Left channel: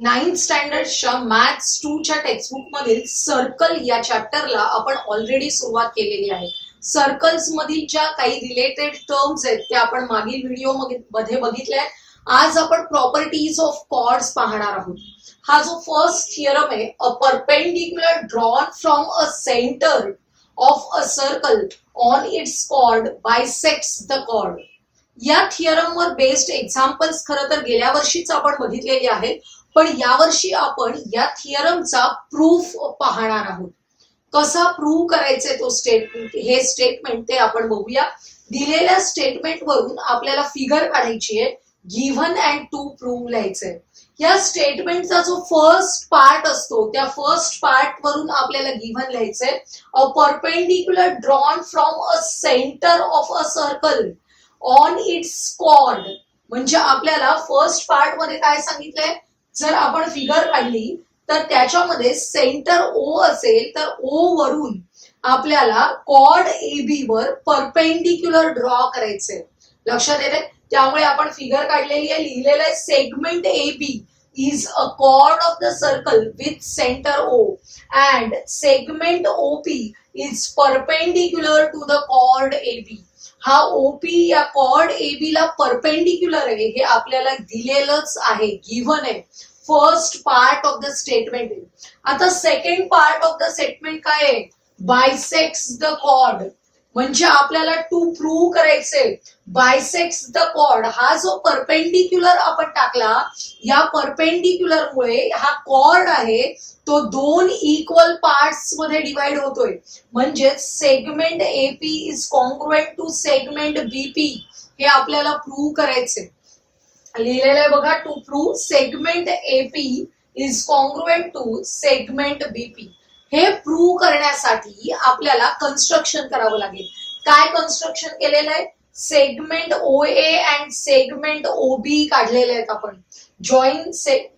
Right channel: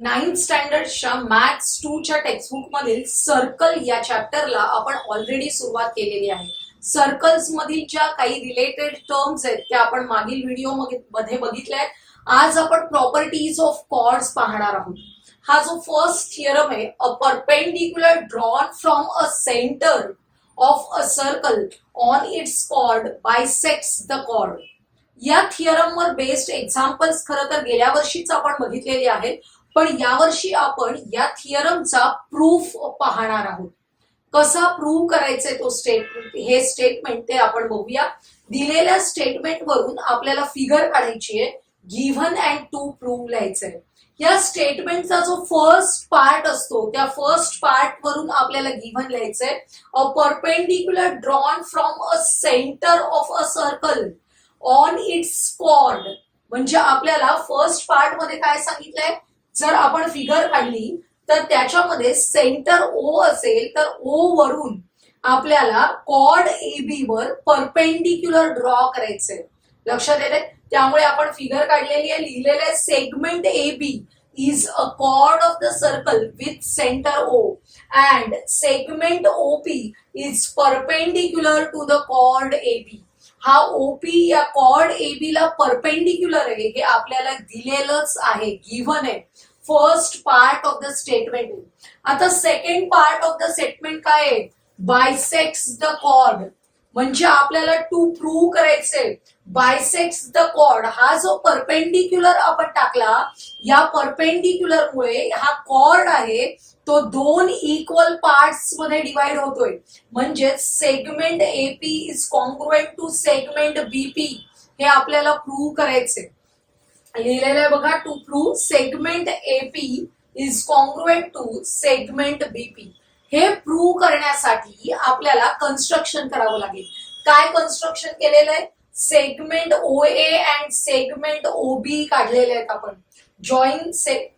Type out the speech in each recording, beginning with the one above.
Ninth स्टँडर्डच्या maths 2च्या textbook मधील circle या चॅप्टरला आपण ऑलरेडी सुरुवात केलेली आहे. सर्कल्स मधील ज्या काही रिलेटेड टर्म्स आहेत त्या आपण मागील व्हिडिओ मध्ये बघितल्या आहेत. आज आपण प्रॉपर्टीज ऑफ कॉर्ड्स पाहणार आहोत. हा जो फर्स्ट थिअरम आहे, a perpendicular drawn from a centre of a circle on its chord bisects the chord. या थिअरम वर बेस्ड एक्झाम्पल्स खरं तर गेल्या वर्षीच आपण बघितलेली आहेत, पण यावर्षी आपण या थिअरमचा प्रूफ पाहणार आहोत. कसा प्रूव्ह करायचंय तो स्टेटमेंट ते आपण बघूया. दिलेल्या स्टेटमेंट वरून आपल्याला फिगर काढायची आहे, गिव्हन अँड टू प्रूव्ह लिहायचंय. या स्टेटमेंटचा जो फर्स्ट पार्ट असतो त्या फर्स्ट पार्ट वरून आपल्याला गिव्हन लिहायचंय, a perpendicular drawn from a centre of a circle on its chord. म्हणजे आपल्याला फर्स्ट पार्ट मध्ये काय सांगितलंय, जर आपण फिगर काढली तर त्याच्यामध्ये सेंटर ओ असेल तर ओ वरून आपल्याला कॉर्ड ए बी वर परपेंडिक्युलर ड्रॉ करायचंय. लक्षात येते? त्यामुळे आपण फिगर काढलेली आहे, लिहिलेलं आहे segment A B is a chord of the circle with centre O and segment OP is perpendicular to the chord A B. हा ओपी या कॉर्ड ए बी ला परपेंडिक्युलर आहे हे आपल्याला दिलेलंच आहे, गिव्हन आहे. First part of the statement आहे. आता second part of the statement काय आहे, बायसेक्ट्स द कॉर्ड. म्हणजे आपल्याला टू प्रूव्ह करायचे बायसेक्ट्स द कॉर्ड. हा जो परपेंडिक्युलर आपण टाकला, या परपेंडिक्युलर मुळे हा कॉर्ड आहे तो दोन इक्वल पार्ट्स मध्ये डिवाइड होतोय. म्हणजे segment AP is congruent to segment BP. हे आपल्याला प्रूव्ह करायचे. लिहिलेलं आहे बघा, to prove segment AP is congruent to segment BP. हे प्रूव्ह करण्यासाठी आपल्याला कन्स्ट्रक्शन करावं लागेल. काय कन्स्ट्रक्शन केलेलं आहे, segment O A and segment O B काढलेले आहेत आपण. Join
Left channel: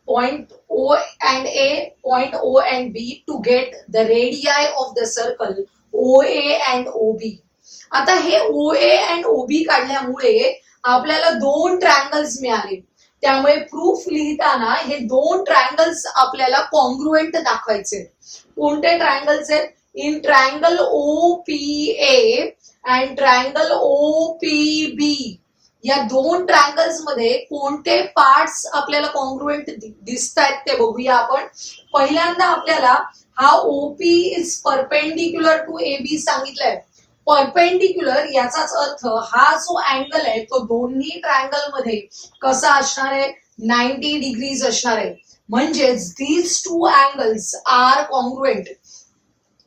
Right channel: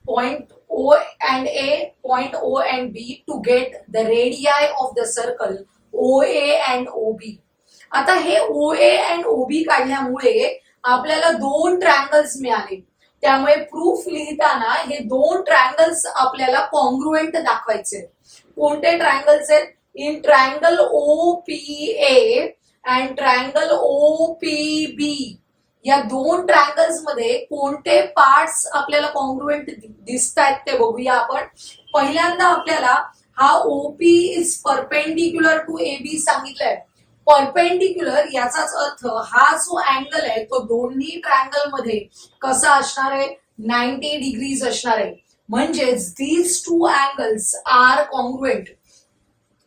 point O and A, point O and B to get the radii of the circle O A and O B. आता हे ओ ए अँड ओ बी काढल्यामुळे आपल्याला दोन triangles मिळाले. त्यामुळे प्रूफ लिहिताना हे दोन ट्रायंगल्स आपल्याला कॉन्ग्रुएंट दाखवायचे. कोणते ट्रायंगल्स आहेत, in triangle O P A and triangle O P B. या दोन ट्रायंगल्स मध्ये कोणते पार्ट्स आपल्याला कॉन्ग्रुएंट दिसत आहेत ते बघूया आपण. पहिल्यांदा आपल्याला हा OP is perpendicular to A B सांगितलंय. परपेंडिक्युलर याचाच अर्थ हा जो अँगल आहे तो दोन्ही ट्रायंगल मध्ये कसा असणार आहे, 90 डिग्रीज असणार आहे. म्हणजेच these two angles are congruent.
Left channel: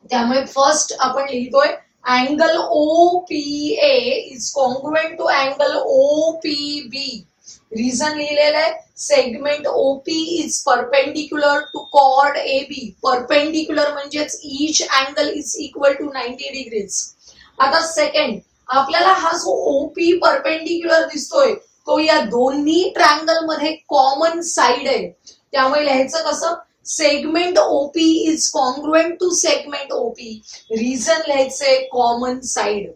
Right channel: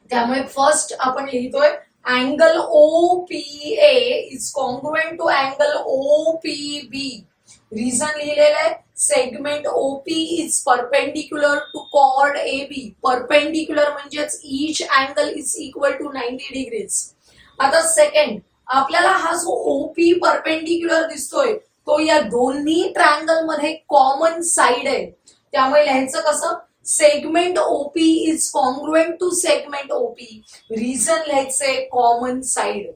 त्यामुळे फर्स्ट आपण लिहितोय angle O P A is congruent to angle O P B. Reason लिहिलेलं आहे, segment OP is perpendicular to chord A B. Perpendicular म्हणजेच each angle is equal to 90 degrees. आता second, आपल्याला हा जो ओपी परपेंडिक्युलर दिसतोय तो या दोन्ही ट्रायंगल मध्ये कॉमन साइड आहे. त्यामुळे लिहायचं कसं, segment OP is congruent to segment OP. Reason लिहायचंय कॉमन साइड.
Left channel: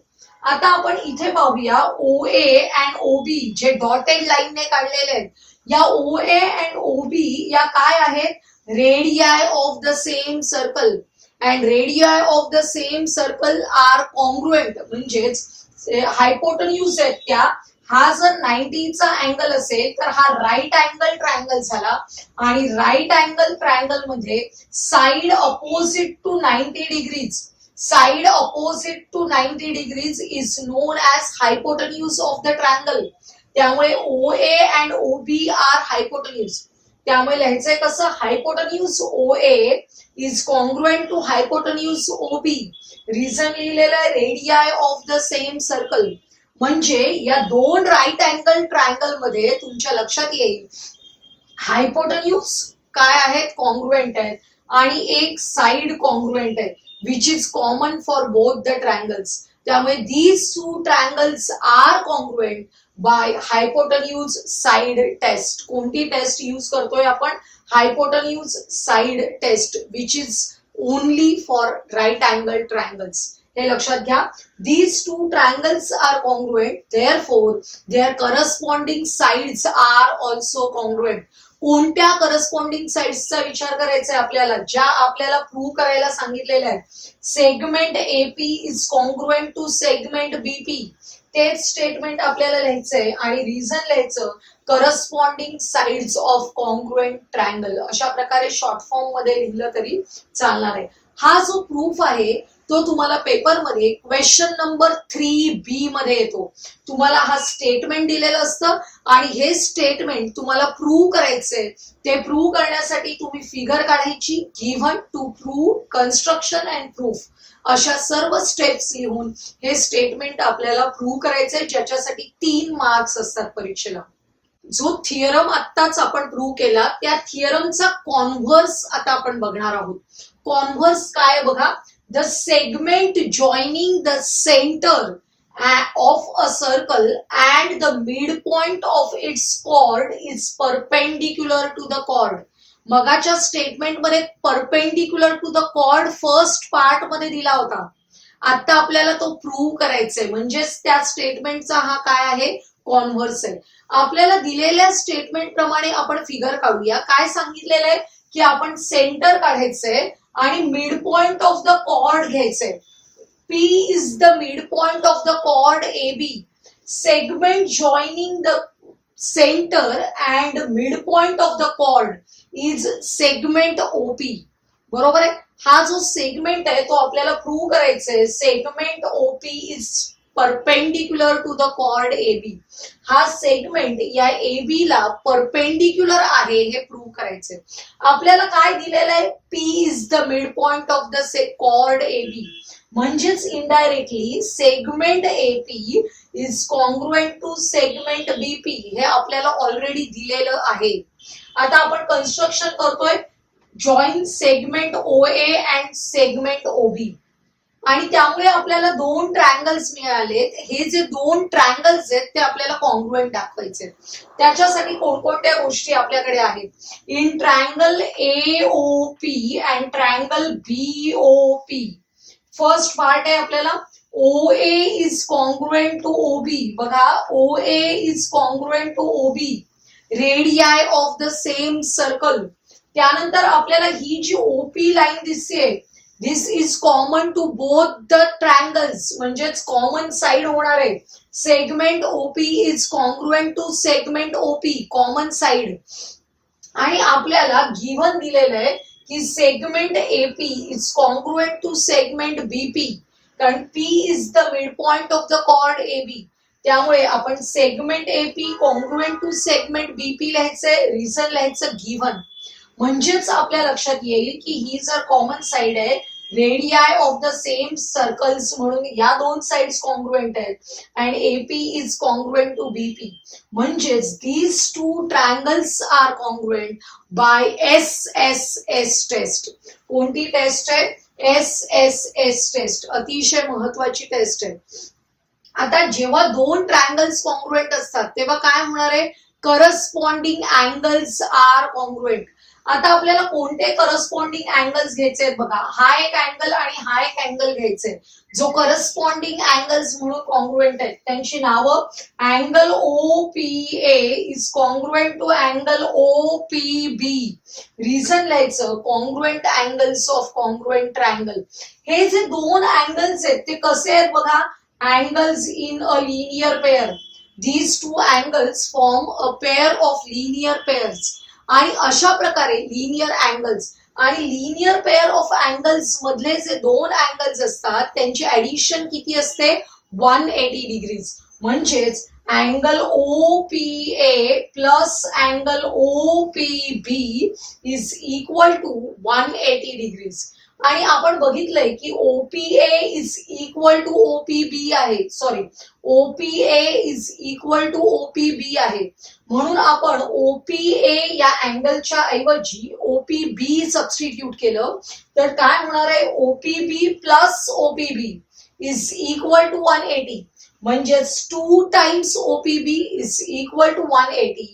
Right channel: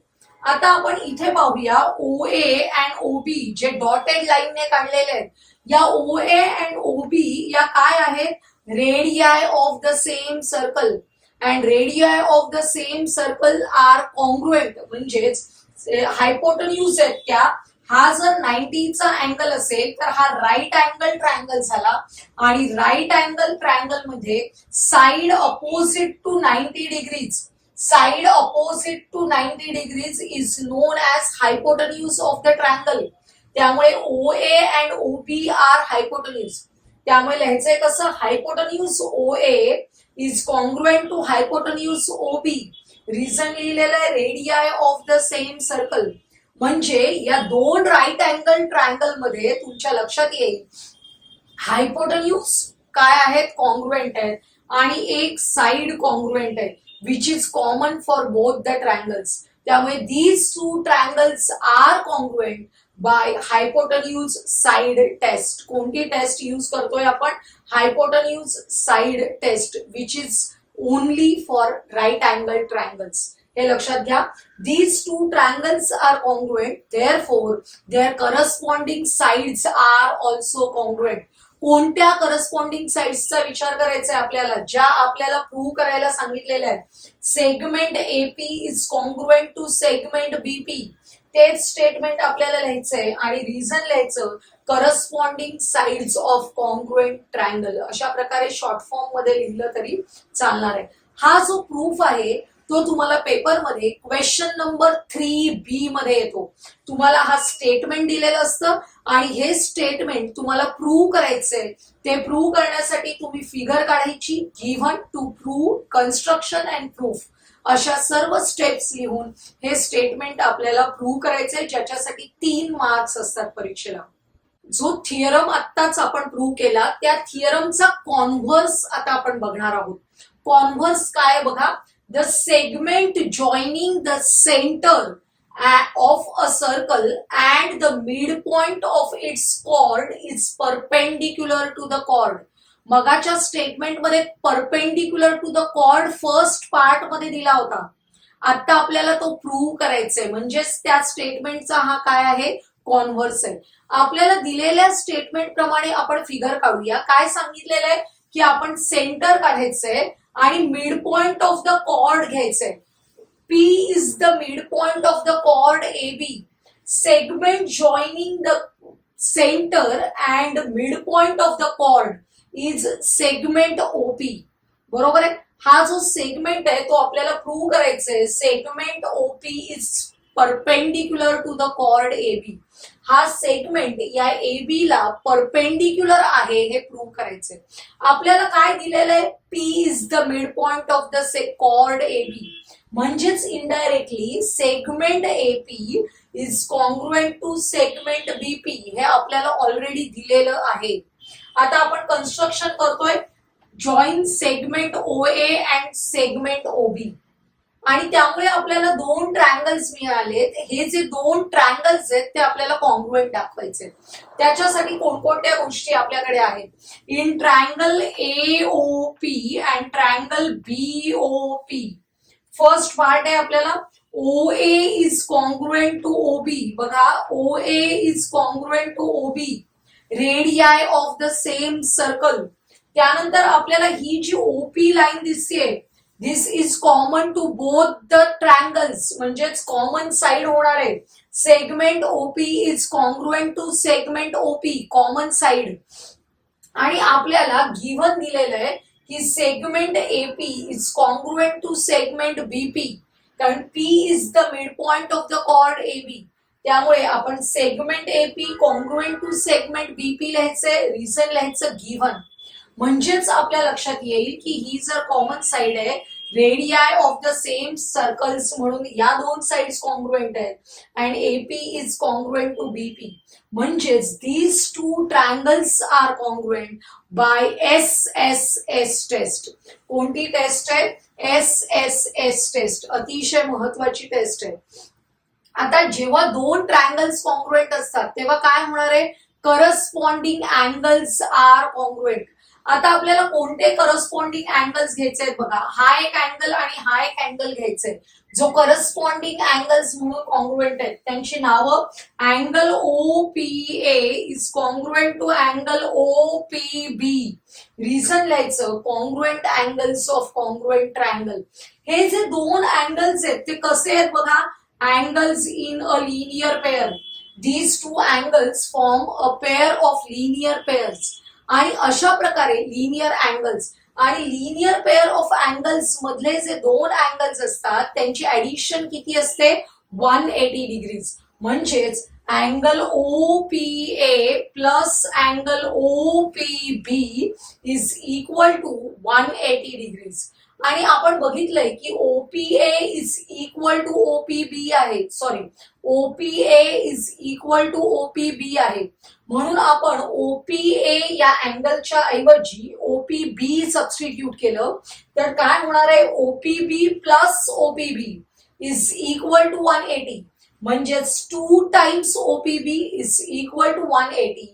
आता आपण इथे पाहूया ओ A and O B J dotted लाईनने काढलेले आहेत. या ओ ए अँड ओ बी या काय आहेत, radii of the same circle. And radii of the same circle are congruent. म्हणजेच हायपोटेन्यूज आहेत त्या. हा जर 90चा अँगल असेल तर हा राईट अँगल ट्रायंगल झाला. आणि राईट अँगल ट्रायंगल मध्ये side opposite to 90 degrees, side opposite to 90 degrees is known as hypotenuse of the triangle. त्यामुळे O A and O B R हायपोटेन्यूज. त्यामुळे लिहायचंय कसं, hypotenuse O A is congruent to hypotenuse O B. Reason लिहिलेलं आहे radii of the same circle. म्हणजे या दोन right angle triangle मध्ये तुमच्या लक्षात येईल हायपोटेन्यूज काय आहेत, कॉन्ग्रुएंट आहेत. आणि एक साइड कॉन्ग्रुएंट आहे which is common for both the triangles. त्यामुळे these two triangles are congruent by hypotenuse side test. कोणती टेस्ट यूज करतोय आपण, hypotenuse side test which is only for right angle triangles. हे लक्षात घ्या. These two triangles are congruent, therefore their corresponding sides are also congruent. कोणत्या corresponding साइड्सचा विचार करायचा आहे आपल्याला, ज्या आपल्याला प्रूव्ह करायला सांगितलेल्या आहेत. Segment AP is congruent to segment BP, तेच स्टेटमेंट आपल्याला लिहायचंय आणि रिझन लिहायचं corresponding sides of congruent triangle. अशा प्रकारे शॉर्ट फॉर्म मध्ये लिहिलं तरी चालणार आहे. हा जो प्रूफ आहे तो तुम्हाला पेपरमध्ये क्वेश्चन नंबर 3B मध्ये येतो. तुम्हाला हा स्टेटमेंट दिलेलं असतं आणि हे स्टेटमेंट तुम्हाला प्रूव्ह करायचंय. ते प्रूव्ह करण्यासाठी तुम्ही फिगर काढायची, given, to prove, construction and proof, अशा सर्व स्टेप्स लिहून हे स्टेटमेंट आपल्याला प्रूव्ह करायचंय, ज्याच्यासाठी 3 मार्क्स असतात परीक्षेला. जो थिअरम आत्ताच आपण प्रूव्ह केला त्या थिअरमचा कॉन्व्हर्स आता आपण बघणार आहोत. कॉन्व्हर्स काय बघा, the segment joining the centre of a circle and the midpoint of its chord is perpendicular to the chord. मगाच्या स्टेटमेंट मध्ये perpendicular to the chord first part मध्ये दिला होता. आता आपल्याला तो प्रूव्ह करायचा आहे, म्हणजेच त्या स्टेटमेंटचा हा काय आहे, कॉन्व्हर्स आहे. आपल्याला दिलेल्या स्टेटमेंट प्रमाणे आपण फिगर काढूया. काय सांगितलेलं आहे की आपण सेंटर काढायचंय आणि mid point of the chord घ्यायचंय. P is the midpoint of the chord AB. Segment joining the center and midpoint of the chord is segment OP. बरोबर आहे. हा जो सेगमेंट आहे तो आपल्याला प्रूव्ह करायचा आहे. Segment OP is perpendicular to the chord AB. हा सेगमेंट या AB ला परपेंडिक्युलर आहे हे प्रूव्ह करायचंय. आपल्याला काय दिलेलं आहे, P is the midpoint of the chord AB. म्हणजेच indirectly segment AP is congruent to segment BP हे आपल्याला ऑलरेडी दिलेलं आहे. आता आपण कन्स्ट्रक्शन करतोय, join segment OA and segment OB, आणि त्यामुळे आपल्याला 2 ट्रायंगल्स मिळालेत. हे जे 2 ट्रायंगल्स आहेत ते आपल्याला कॉन्ग्रुएंट दाखवायचे. त्याच्यासाठी कोणकोणत्या गोष्टी आपल्याकडे आहेत. In triangle AOP and triangle BOP, first part आहे आपल्याला OA is congruent to OB. बघा, OA is congruent to OB, radii of the same circle. त्यानंतर आपल्याला ही जी OP लाईन दिसते, this is common to both the triangles, म्हणजेच common side होणार आहे. Segment OP is congruent to segment OP, common side. आणि आपल्याला गिव्हन दिलेलं आहे की segment AP is congruent to segment BP, कारण P is the mid point of the chord AB. त्यामुळे आपण segment AP congruent to segment BP लिहायचंय, reason लिहायचं गिव्हन. म्हणजेच आपल्या लक्षात येईल की ही जर कॉमन साइड आहे, radii of the same circles म्हणून या 2 साइड्स कॉन्ग्रुएंट आहेत and AP is congruent to BP. म्हणजेच these 2 triangles are congruent by SSS test. कोणती टेस्ट आहे, SSS टेस्ट, अतिशय महत्वाची टेस्ट आहे. आता जेव्हा 2 ट्रायंगल्स कॉन्ग्रुएंट असतात तेव्हा काय होणार आहे, करस्पॉन्डिंग अँगल्स आर कॉन्ग्रुएंट. आता आपल्याला कोणते करस्पॉन्डिंग अँगल्स घ्यायचे आहेत बघा, हा एक अँगल आणि हा एक अँगल घ्यायचे. जो करस्पॉन्डिंग अँगल्स म्हणून कॉन्ग्रुएंट आहेत त्यांची नावं, angle OPA is congruent to angle OPB. Reason लिहायचं congruent angles of congruent triangle. हे जे 2 अँगल्स आहेत ते कसे आहेत बघा, angles in a linear pair. These 2 angles form a pair of linear pairs. आणि अशा प्रकारे लिनियर अँगल्स आणि लिनियर पेअर ऑफ अँगल्स मधले जे 2 अँगल्स असतात त्यांची ऍडिशन किती असते, 180 डिग्रीज. म्हणजेच angle OPA plus angle OPB is equal to 180 degrees. आणि आपण बघितलंय की OPA is equal to OPB आहे, sorry, OPA is equal to OPB आहे. म्हणून आपण OPA या अँगलच्या ऐवजी OPB सबस्टिट्यूट केलं तर काय होणार आहे, OPB plus OPB is equal to 180. म्हणजेच 2 times OPB is equal to 180.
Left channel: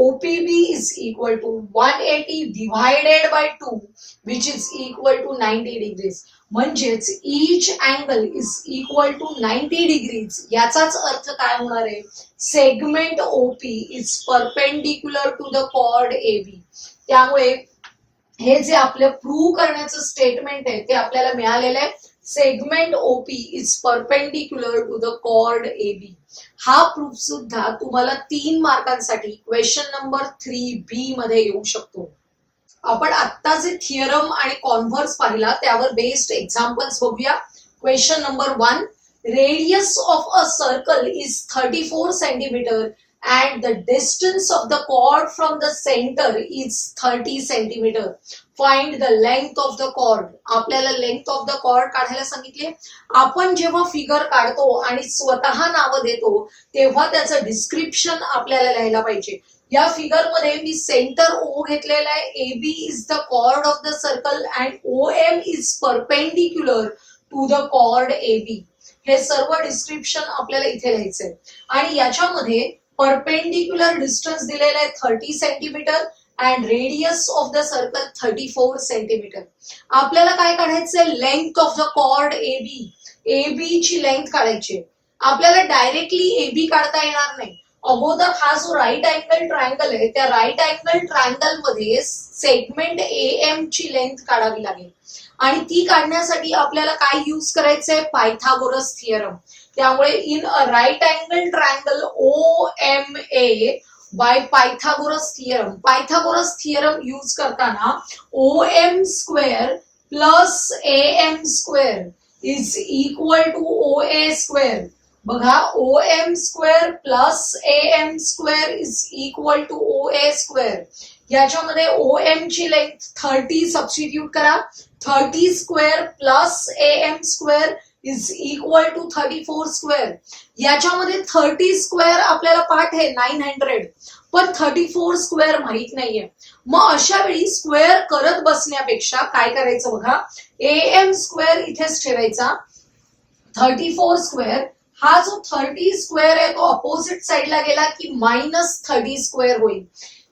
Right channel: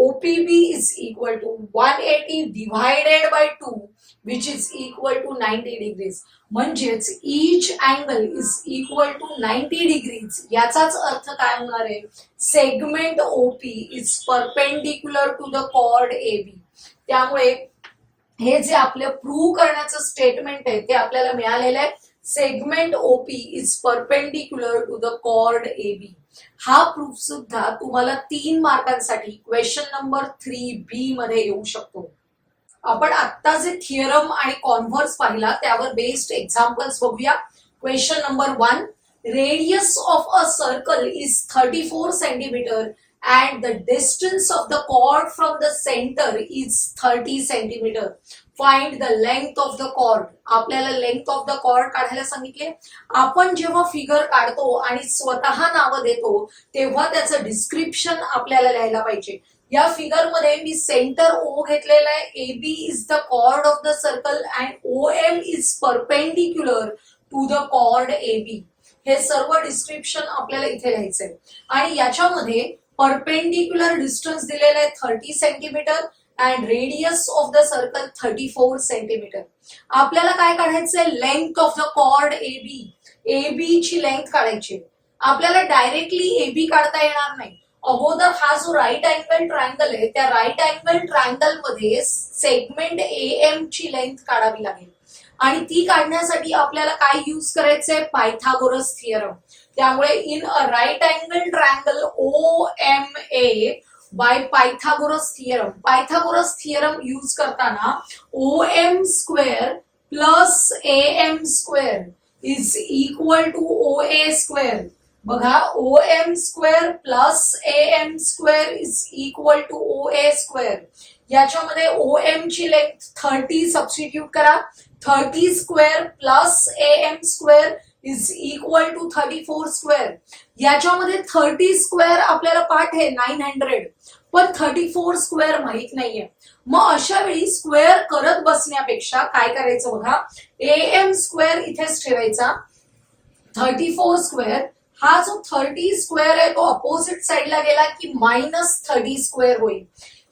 OPB is equal to 180 divided by 2 which is equal to 90 degrees. म्हणजेच each angle is equal to 90 degrees. याचाच अर्थ काय होणार आहे? Segment OP is perpendicular to the chord AB. त्यामुळे हे जे आपले प्रूव्ह करण्याचं स्टेटमेंट आहे ते आपल्याला मिळालेलं आहे. Segment OP is perpendicular to the chord AB. हा प्रूफ सुद्धा तुम्हाला 3 मार्कांसाठी क्वेश्चन नंबर 3B मध्ये येऊ शकतो. आपण आता जे थिअरम आणि कॉन्व्हर्स पाहिला त्यावर बेस्ड एक्झाम्पल्स बघूया. Question number 1, radius of a circle is 34 centimetre and the distance of the chord from the center is 30 centimeter. Find the length of the chord. आपल्याला लेंथ ऑफ द कॉर्ड काढायला सांगितले. आपण जेव्हा figure काढतो आणि स्वतः नाव देतो तेव्हा त्याचं डिस्क्रिप्शन आपल्याला लिहायला पाहिजे. या फिगर मध्ये मी सेंटर O घेतलेला आहे. AB is the chord of the circle and OM is perpendicular to the chord AB. हे सर्व डिस्क्रिप्शन आपल्याला इथे लिहायचंय आणि याच्यामध्ये परपेंडिक्युलर डिस्टन्स दिलेला आहे 30 centimetre and radius of the circle 34 centimetre. आपल्याला काय काढायचंय? Length of the chord AB. AB ची लेंथ काढायची. आपल्याला डायरेक्टली AB काढता येणार नाही. अगोदर हा जो राईट अँगल ट्रायंगल आहे त्या राईट अँगल ट्रायंगल मध्ये सेगमेंट AM ची लेंथ काढावी लागेल आणि ती काढण्यासाठी आपल्याला काय यूज करायचंय? Pythagoras theorem. त्यामुळे in a right angle triangle OMA by Pythagoras theorem. Pythagoras theorem use करताना OM square plus AM square is equal to OA square. बघा, OM square plus AM square is equal to OA square. याच्यामध्ये OM ची length 30 substitute करा. 30 square plus AM square is equal to 34 square. याच्यामध्ये 30 square आपल्याला पाठ आहे 900 पण 34 square माहित नाहीये. मग अशा वेळी स्क्वेअर करत बसण्यापेक्षा काय करायचं बघा, AM स्क्वेअर इथेच ठेवायचा. 34 स्क्वेअर हा जो 30 स्क्वेअर आहे तो अपोजिट साइडला गेला की -30 स्क्वेअर होईल.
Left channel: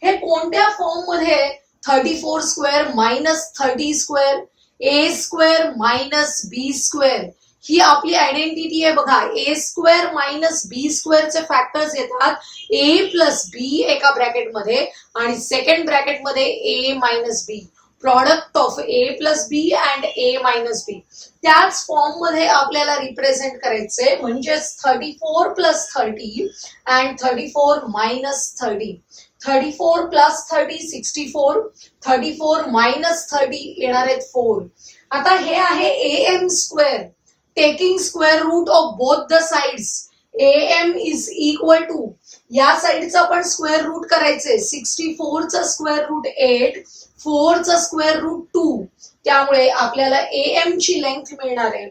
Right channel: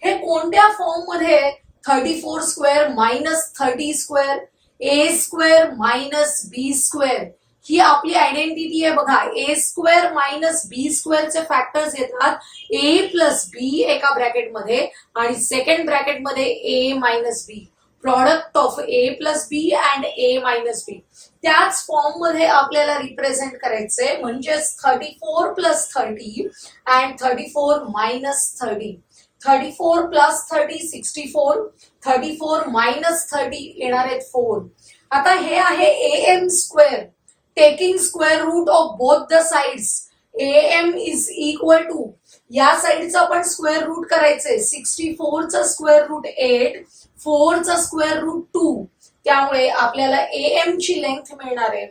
हे कोणत्या फॉर्म मध्ये? 34 square minus 30 square A square minus B square. ही आपली आयडेंटिटी आहे बघा. A स्क्वेअर मायनस B स्क्वेअरचे फॅक्टर्स येतात A प्लस B एका ब्रॅकेटमध्ये आणि सेकंड ब्रॅकेटमध्ये A minus B. Product of A plus B and A minus B. त्याच फॉर्म मध्ये आपल्याला रिप्रेझेंट करायचंय. म्हणजेच 34 plus 30 and 34 minus 30. 34 plus 30 64. 34 minus 30 येणार आहेत 4. आता हे आहे AM square. Taking square root of both the sides. AM is equal to, या साइडचा पण स्क्वेअर रूट करायचंय. 64 चा स्क्वेअर रूट 8, 4 चा स्क्वेअर रूट 2. त्यामुळे आपल्याला AM ची लेंथ मिळणार आहे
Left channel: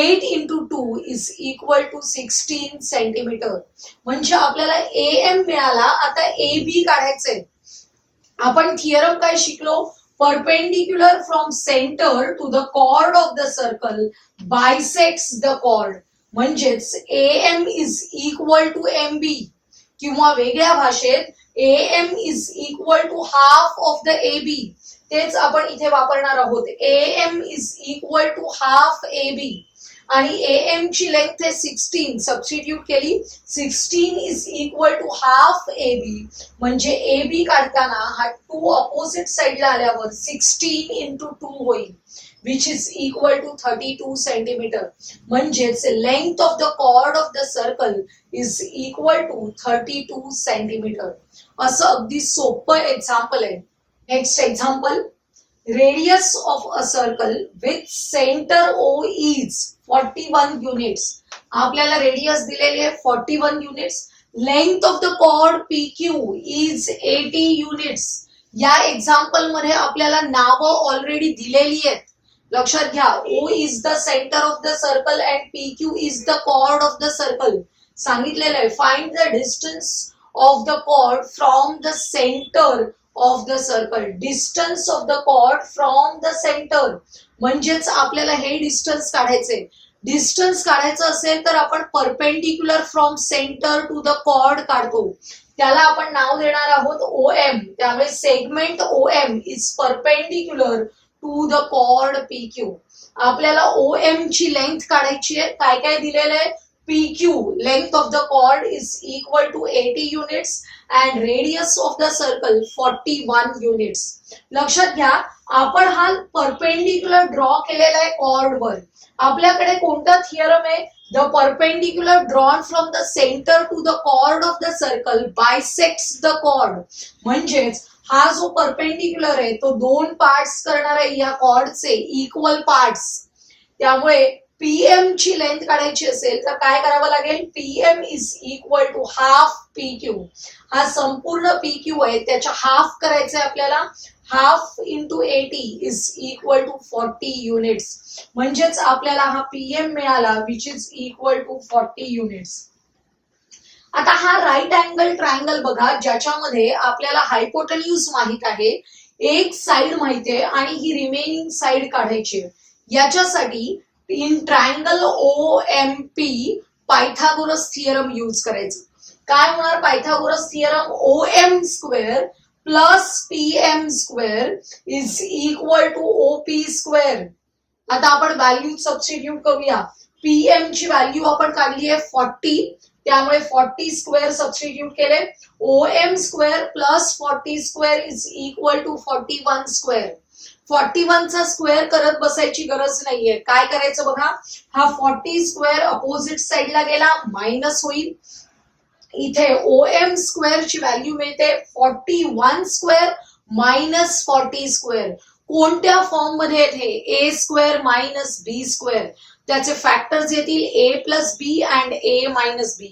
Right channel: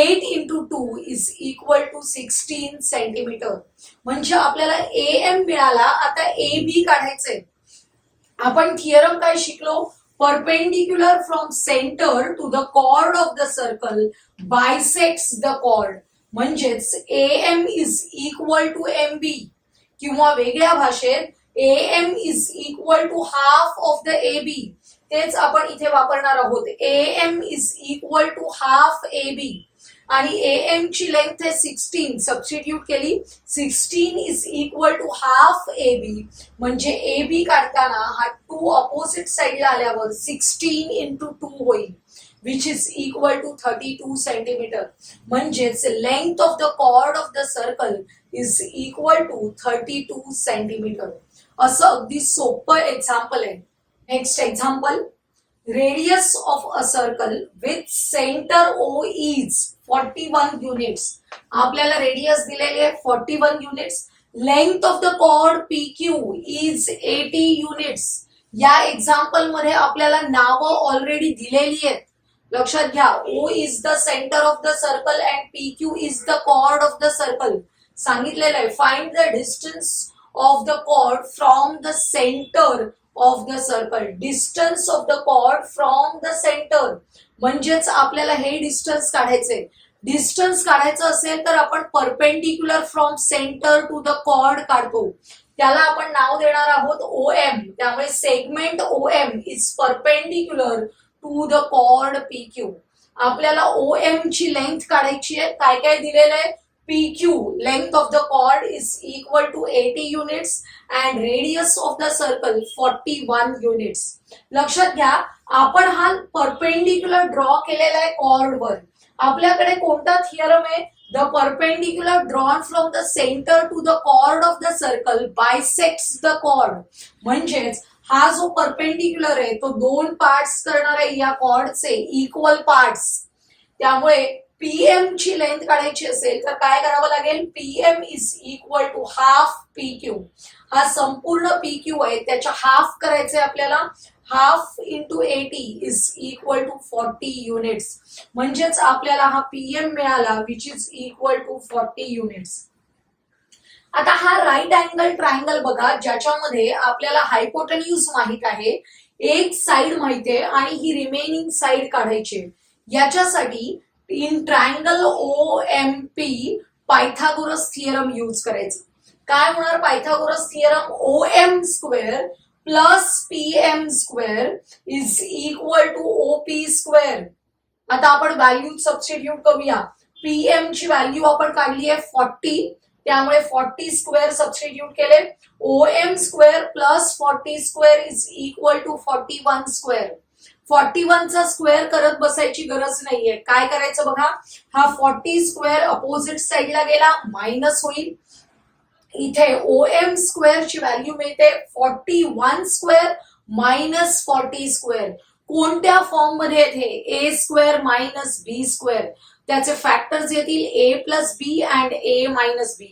8 into 2 is equal to 16 centimetre. म्हणजे आपल्याला AM मिळाला. आता AB काढायचंय. आपण थिअरम काय शिकलो? Perpendicular from centre to the chord of the circle bisects the chord. म्हणजेच AM is equal to MB किंवा वेगळ्या भाषेत AM is equal to half of the AB. तेच आपण इथे वापरणार आहोत. AM is equal to half AB आणि AM ची लेंथ आहे 16. सबस्टिट्यूट केली. 16 is equal to half AB. म्हणजे AB काढताना हा 2 अपोजिट साइडला आल्यावर 16 इंटू 2 होईल which is equal to 32 centimetre. म्हणजेच length of the chord of the circle is equal to 32 centimetre. असं अगदी सोपं एक्झाम्पल आहे. Next example, radius of a circle with centre O is 41 units. आपल्याला रेडियस दिलेली आहे 41 units. Length of the chord PQ is 80 units. या example मध्ये आपल्याला नावं ऑलरेडी दिलेली आहेत. लक्षात घ्या, O is the centre of the circle and PQ is the chord of the circle. सांगितलेलं आहे find the distance of the chord from the centre of the circle. Distance of the chord from the centre म्हणजेच आपल्याला हे distance काढायचे. Distance काढायचं असेल तर आपण perpendicular from centre to the chord काढतो. त्याला आपण नाव देणार आहोत OM. त्यामुळे segment OM is perpendicular to the chord PQ. आपल्याला OM ची लेंथ काढायची आहे. काय काय दिलेलं आहे? PQ, length of the chord, is equal to 80 units and radius of the circle 41 units. लक्षात घ्या, आपण हा परपेंडिक्युलर ड्रॉ केलेला आहे कॉर्ड वर. आपल्याकडे कोणता थिअरम आहे? The perpendicular drawn from the center to the chord of the circle bisects the chord. म्हणजेच हा जो परपेंडिक्युलर आहे तो दोन पार्ट्स करणार आहे या कॉर्डचे इक्वल पार्ट्स. त्यामुळे PM ची लेंथ काढायची असेल तर काय करावं लागेल? PM is equal to half PQ. हा संपूर्ण PQ आहे त्याच्या हाफ करायचंय आपल्याला. Half into 80 is equal to 40 units. म्हणजेच आपल्याला हा PM मिळाला which is equal to 40 units. आता हा राईट अँगल ट्रायंगल बघा ज्याच्यामध्ये आपल्याला हायपोटेन्यूज माहित आहे, एक साइड माहिती आहे आणि ही रिमेनिंग साइड काढायची आहे. याच्यासाठी in triangle OMP Pythagoras theorem use करायचं. काय होणार? Pythagoras theorem OM square plus PM square is equal to OP square. आता आपण व्हॅल्यू सबस्टिट्यूट करूया. PM ची व्हॅल्यू आपण काढली आहे 40, त्यामुळे 40 स्क्वेअर सबस्टिट्यूट केले. OM square plus 40 square is equal to 41 square. 41 चा स्क्वेअर करत बसायची गरज नाहीये. काय करायचं बघा, हा 40 स्क्वेअर अपोजिट साइडला गेला मायनस होईल. इथे OM स्क्वेअर ची व्हॅल्यू मिळते 41 स्क्वेअर मायनस 40 स्क्वेअर. कोणत्या फॉर्म मध्ये येते? A square minus B square. त्याचे फॅक्टर्स येतील A plus B and A minus B.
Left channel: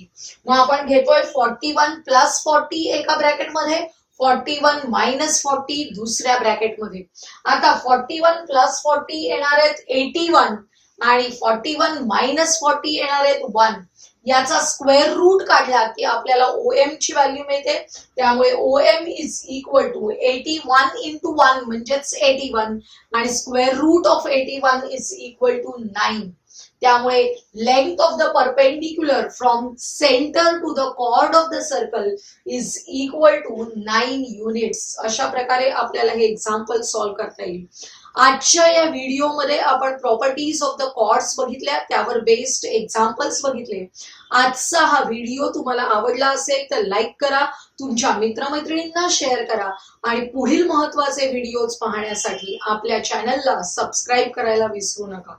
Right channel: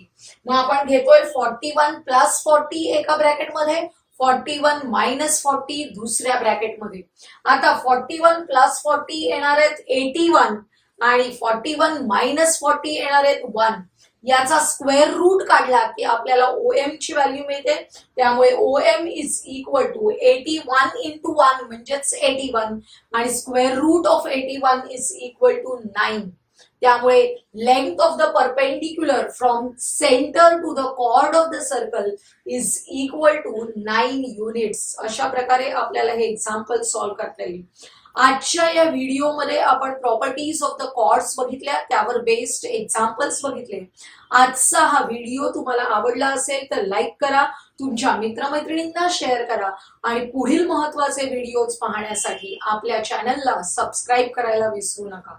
मग आपण घेतोय 41 प्लस 40 एका ब्रॅकेटमध्ये, 41 मायनस 40 दुसऱ्या ब्रॅकेटमध्ये. आता 41 प्लस 40 येणार आहेत 81 आणि 41 मायनस 40 येणार आहेत 1. याचा स्क्वेअर रूट काढला की आपल्याला OM ची व्हॅल्यू मिळते. त्यामुळे OM is equal to 81 into 1 म्हणजेच 81 आणि square root of 81 is equal to 9. त्यामुळे length of the perpendicular from centre to the chord of the circle is equal to 9 units. अशा प्रकारे आपल्याला हे एक्झाम्पल सॉल्व्ह करता येईल. आजच्या या व्हिडिओमध्ये आपण प्रॉपर्टीज ऑफ द कॉर्ड्स बघितल्या, त्यावर बेस्ड एक्झाम्पल्स बघितले. आजचा हा व्हिडिओ तुम्हाला आवडला असेल तर लाईक करा, तुमच्या मित्रमैत्रिणींना शेअर करा आणि पुढील महत्त्वाचे व्हिडिओज पाहण्यासाठी आपल्या चॅनलला सबस्क्राईब करायला विसरू नका.